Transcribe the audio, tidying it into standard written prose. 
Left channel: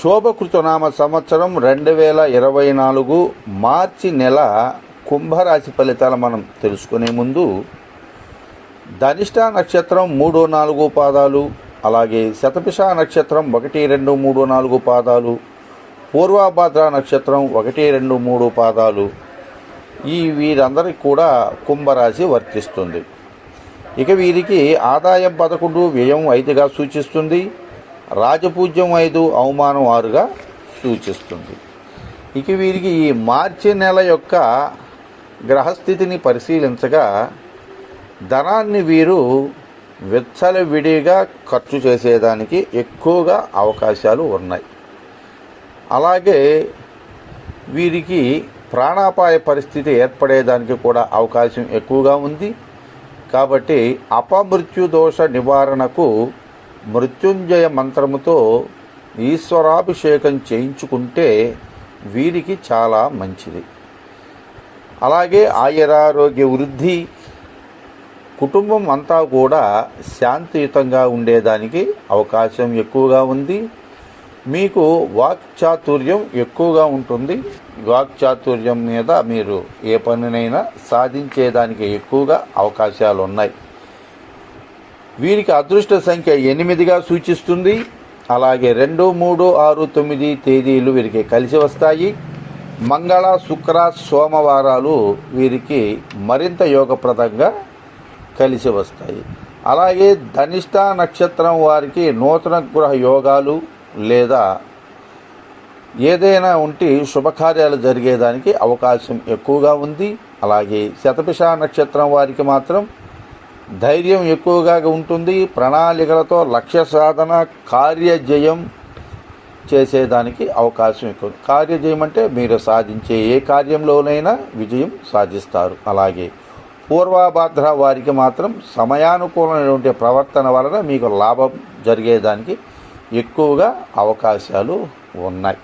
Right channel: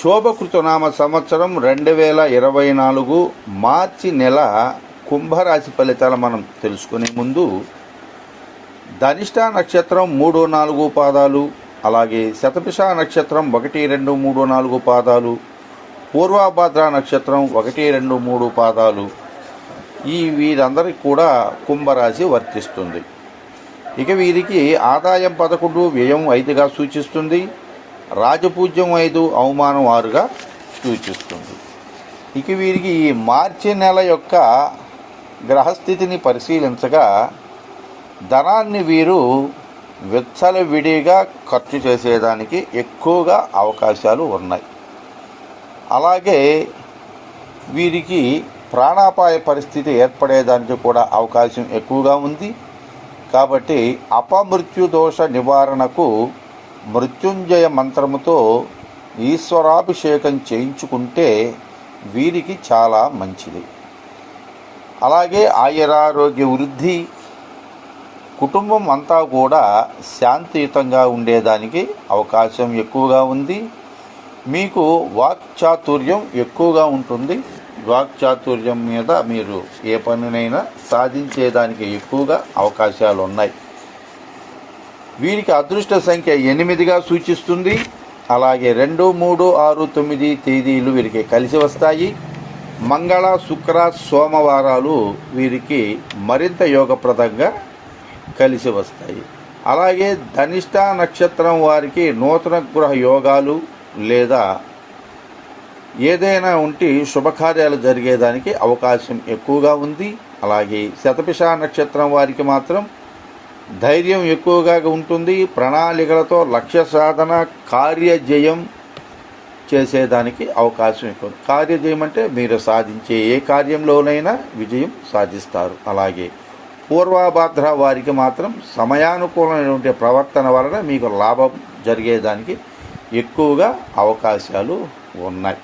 శోభకృతనామ సంవత్సరం 2024 మార్చి నెల కుంభరాశి ఫలితాలు మనం తెలుసుకునే ముందు ధనిష్ట నక్షత్రం 3, 4 పాదాలు, అలాగే శతభిష నక్షత్రం 1, 2, 3, 4 పాదాలు, పూర్వభాద్ర నక్షత్రం 1, 2, 3 పాదాలు వీరందరికీ కూడా కుంభరాశి వర్తిస్తుంది. ఇక వీరికి ఆదాయం 11, వ్యయం 5గా సూచిస్తుంది. రాజపూజ్యం 5, అవమానం 6గా సూచిస్తుంది. ఇక వీరికి ఈ మార్చి నెల యొక్క గ్రహస్థితిని పరిశీలించగా ధనాన్ని వీరు విచ్చలవిడిగా ఖర్చు చేసేదానికి ఎక్కువగా అవకాశాలు ఉన్నాయి. అలాగే వీరికి ప్రాణాపాయ పరిస్థితి ఏర్పడేదానికి కూడా అవకాశం ఎక్కువగా ఉంది. కాబట్టి అపమృత్యు దోష నివారణకు మృత్యుంజయ మంత్రముతో ఈశ్వరాభిషేకం చేయించుకుంటే వీరికి చాలా మంచిది. అలాగే ఆయురారోగ్య వృద్ధి, కుటుంబం అంతా కూడా శాంతియుతంగా ఉండేదానికి అవకాశం ఎక్కువగా ఉంది. మీకు వాక్చాతుర్యం ఎక్కువగా ఉంటుంది. వాక్చాతుర్యం మీద మీరు ఏ పనినైనా సాధించేదానికి ఎక్కువగా అవకాశాలు ఉన్నాయి. వీరికి అదృష్ట సంఖ్య 8గా సూచిస్తుంది. అలాగే 2, 3, 6, 9 తేదీలు వీరికి కలిసి వస్తాయి. మంగళ, శుక్ర, సోమవారాలు వీరికి మరింత యోగప్రదంగా కలిసి వస్తాయి. అలాగే ధనిష్ట నక్షత్రం వారికి నూతన గృహ యోగాలు లేదా ఏదైనా ఉంటే శుభకార్యాలు జరిగేదానికి అవకాశం ఎక్కువగా ఉంది. అలాగే శతభిష నక్షత్రం వారికి మాత్రం ధైర్యం ఎక్కువగా ఉంటుంది. ప్రణాళికలతో లక్ష్య సాధన, కార్యజయం చేసేదానికి అవకాశం ఎక్కువ. కార్యజయం అంటే మీరు సాధించే ఏ కార్యంలోనైనా విజయం సాధిస్తారు. అలాగే పూర్వభాద్ర వారికి మాత్రం సమయానుకూలమైనటువంటి ప్రవర్తన వలన మీకు లాభం జరిగేదానికి ఎక్కువగా అవకాశాలు ఉన్నాయి.